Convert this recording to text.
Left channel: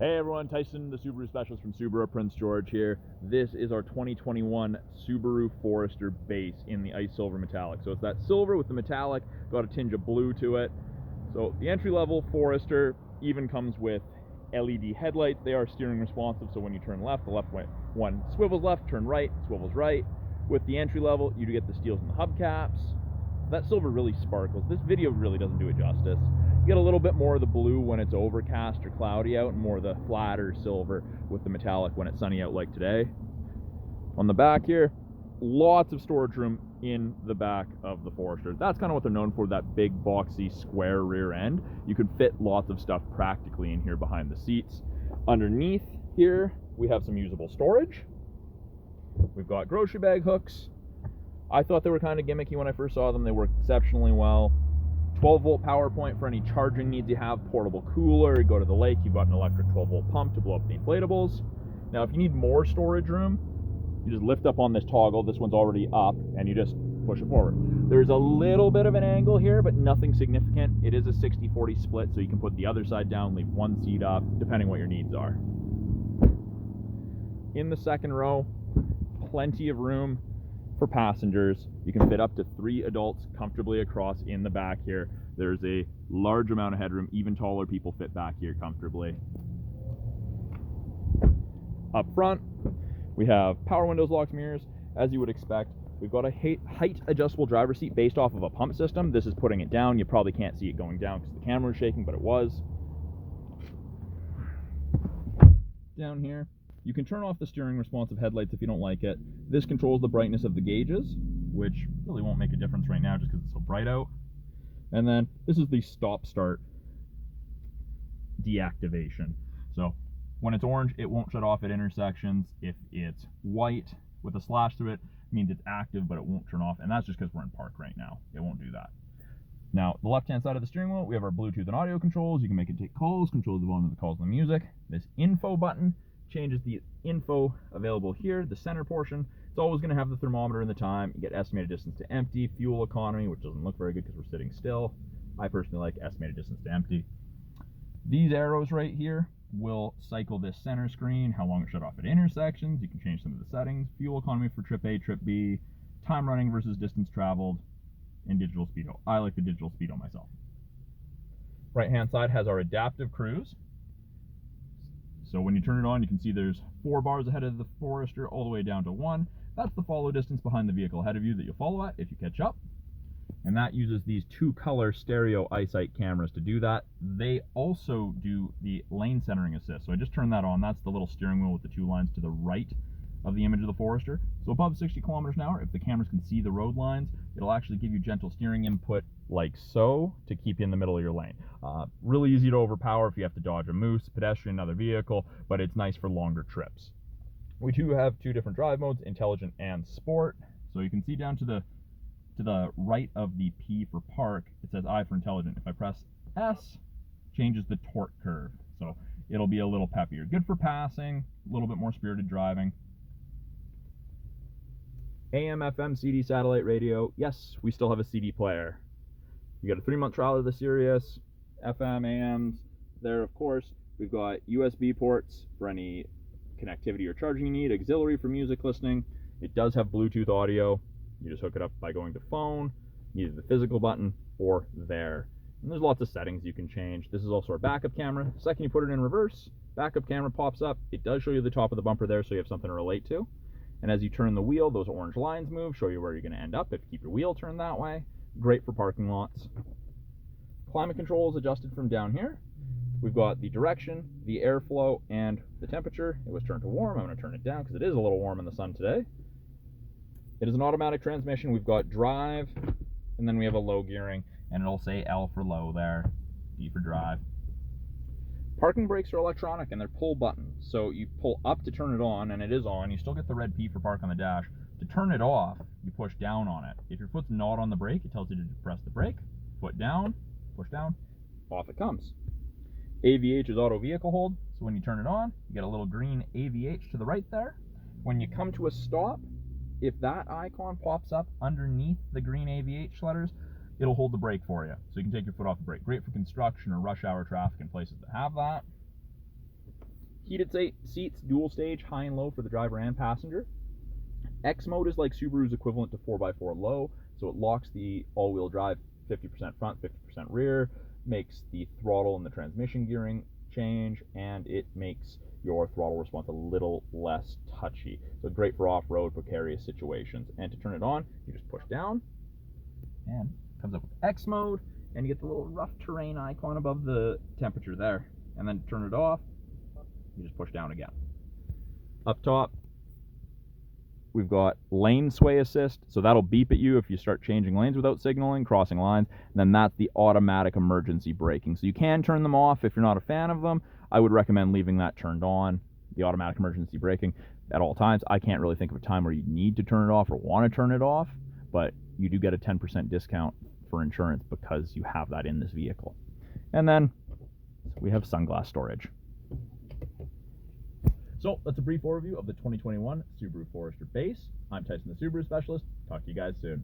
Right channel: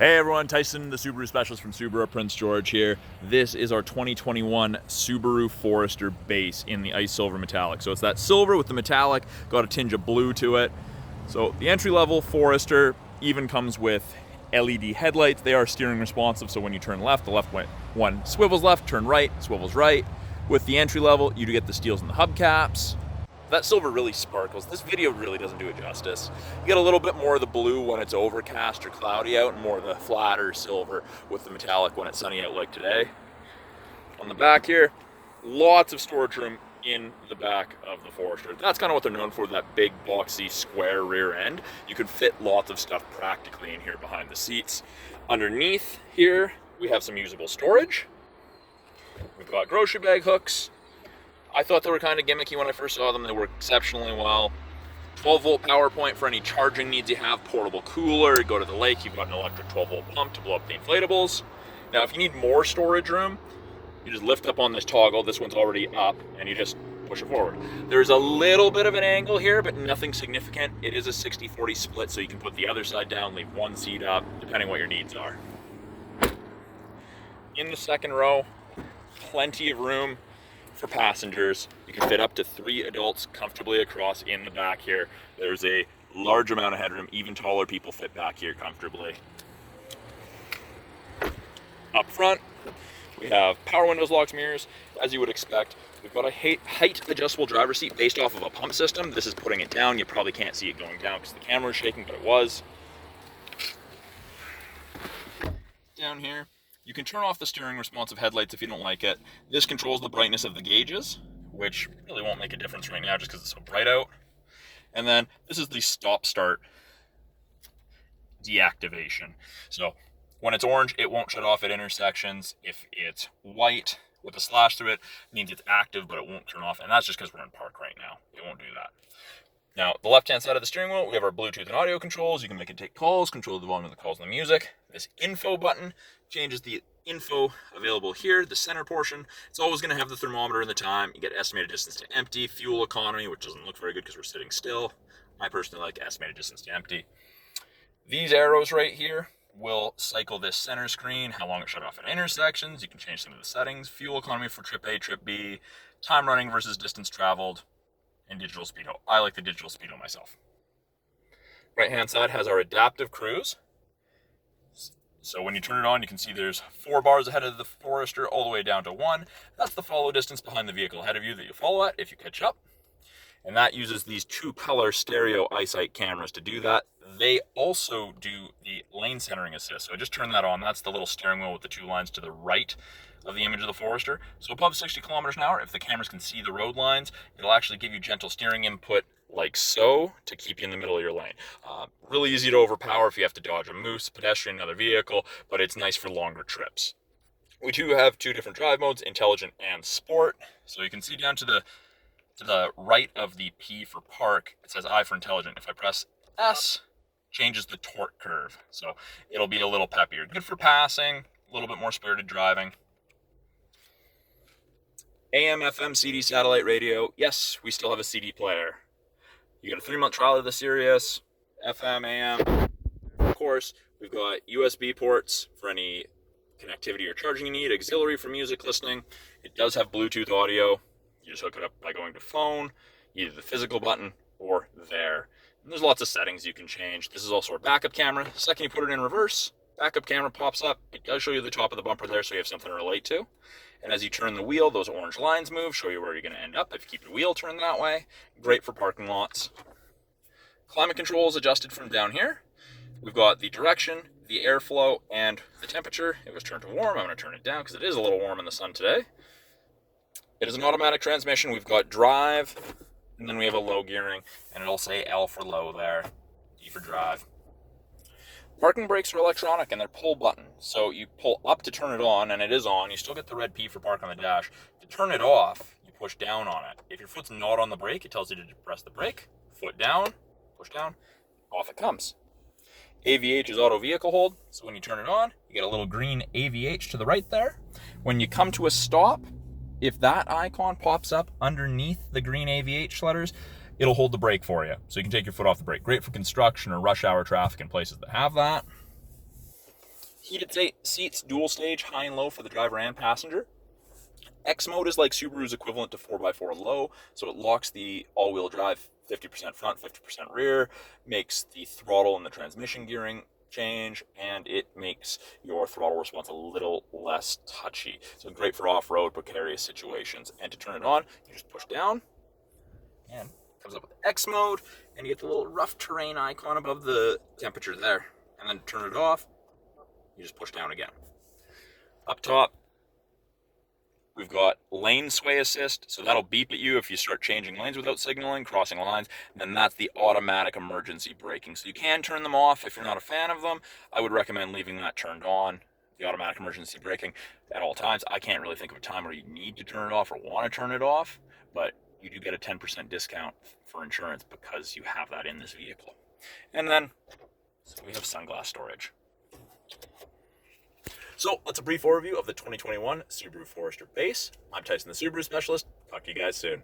Hey everyone, Tyson, the Subaru specialist from Subaru, Prince George here. This is our 2021 Subaru Forester base in the ice silver metallic. So it's that silver with the metallic, got a tinge of blue to it. So the entry-level Forester even comes with LED headlights. They are steering responsive, so when you turn left, the left one swivels left, turn right, swivels right. With the entry level, you do get the steels in the hubcaps. That silver really sparkles. This video really doesn't do it justice. You get a little bit more of the blue when it's overcast or cloudy out, and more of the flatter silver with the metallic when it's sunny out like today. On the back here, lots of storage room in the back of the Forester. That's kind of what they're known for, that big boxy square rear end. You can fit lots of stuff practically in here behind the seats. Underneath here, we have some usable storage. We've got grocery bag hooks. I thought they were kind of gimmicky when I first saw them. They work exceptionally well. 12-volt power point for any charging needs you have. Portable cooler. You go to the lake, you've got an electric 12-volt pump to blow up the inflatables. Now, if you need more storage room, you just lift up on this toggle. This one's already up, and you just push it forward. There's a little bit of an angle here, but nothing significant. It is a 60-40 split, so you can put the other side down, leave one seat up, depending what your needs are. In the second row, plenty of room for passengers. You can fit up to 3 adults comfortably across in the back here. There's a large amount of headroom. Even taller people fit back here comfortably. Up front, we have power windows, locks, mirrors. As you would expect, we've got a height adjustable driver's seat based off of a pump system. This is putting it down. You probably can't see it going down because the camera is shaking, but it was. Down here, you can turn off the steering responsive headlights if you don't like it. This controls the brightness of the gauges, which really won't make a difference right now just because it's so bright out. And then this is the stop-start deactivation. So when it's orange, it won't shut off at intersections. If it's white with a slash through it, means it's active, but it won't turn off. And that's just because we're in park right now. It won't do that. Now, the left-hand side of the steering wheel, we have our Bluetooth and audio controls. You can make it take calls, control the volume of the calls and the music. This info button changes the info available here, the center portion. It's always going to have the thermometer and the time. You get estimated distance to empty, fuel economy, which doesn't look very good because we're sitting still. I personally like estimated distance to empty. These arrows right here will cycle this center screen, how long it shut off at intersections. You can change some of the settings, fuel economy for trip A, trip B, time running versus distance traveled, and digital speedo. I like the digital speedo myself. Right hand side has our adaptive cruise. So when you turn it on, you can see there's 4 bars ahead of the Forester all the way down to 1. That's the follow distance behind the vehicle ahead of you that you follow at if you catch up. And that uses these 2-color stereo eyesight cameras to do that. They also do the lane centering assist. So I just turned that on. That's the little steering wheel with the 2 lines to the right of the image of the Forester. So above 60 kilometers an hour, if the cameras can see the road lines, it'll actually give you gentle steering input like so to keep you in the middle of your lane. Really easy to overpower if you have to dodge a moose, pedestrian, another vehicle, but it's nice for longer trips. We do have 2 different drive modes, intelligent and sport. So you can see down to the right of the P for park, it says I for intelligent. If I press S, changes the torque curve. So it'll be a little peppier. Good for passing, a little bit more spirited driving. AM, FM, CD, satellite radio. Yes, we still have a CD player. You get a 3-month trial of the Sirius, FM, AM. There, of course, we've got USB ports for any connectivity or charging you need, auxiliary for music listening. It does have Bluetooth audio. You just hook it up by going to phone, either the physical button or there. And there's lots of settings you can change. This is also our backup camera. The second you put it in reverse, backup camera pops up. It does show you the top of the bumper there, so you have something to relate to. And as you turn the wheel, those orange lines move, show you where you're going to end up if you keep your wheel turned that way. Great for parking lots. Climate control is adjusted from down here. We've got the direction, the airflow, and the temperature. It was turned to warm. I'm going to turn it down because it is a little warm in the sun today. It is an automatic transmission. We've got drive, and then we have a low gearing, and it'll say L for low there, D for drive. Parking brakes are electronic and they're pull button. So you pull up to turn it on and it is on. You still get the red P for park on the dash. To turn it off, you push down on it. If your foot's not on the brake, it tells you to press the brake. Foot down, push down, off it comes. AVH is auto vehicle hold. So when you turn it on, you get a little green AVH to the right there. When you come to a stop, if that icon pops up underneath the green AVH letters, it'll hold the brake for you. So you can take your foot off the brake. Great for construction or rush hour traffic in places that have that. Heated seats, dual stage, high and low for the driver and passenger. X mode is like Subaru's equivalent to 4x4 low, so it locks the all-wheel drive 50% front, 50% rear, makes the throttle and the transmission gearing change, and it makes your throttle response a little less touchy. So great for off-road, precarious situations. And to turn it on, you just push down, and it comes up with X mode, and you get the little rough terrain icon above the temperature there. And then to turn it off, you just push down again. Up top, we've got lane sway assist, so that'll beep at you if you start changing lanes without signaling, crossing lines, and then that's the automatic emergency braking. So you can turn them off if you're not a fan of them. I would recommend leaving that turned on, the automatic emergency braking, at all times. I can't really think of a time where you need to turn it off or want to turn it off, but you do get a 10% discount for insurance because you have that in this vehicle. And then we have Sunglass Storage. So that's a brief overview of the 2021 Subaru Forester base. I'm Tyson, the Subaru specialist. Talk to you guys soon.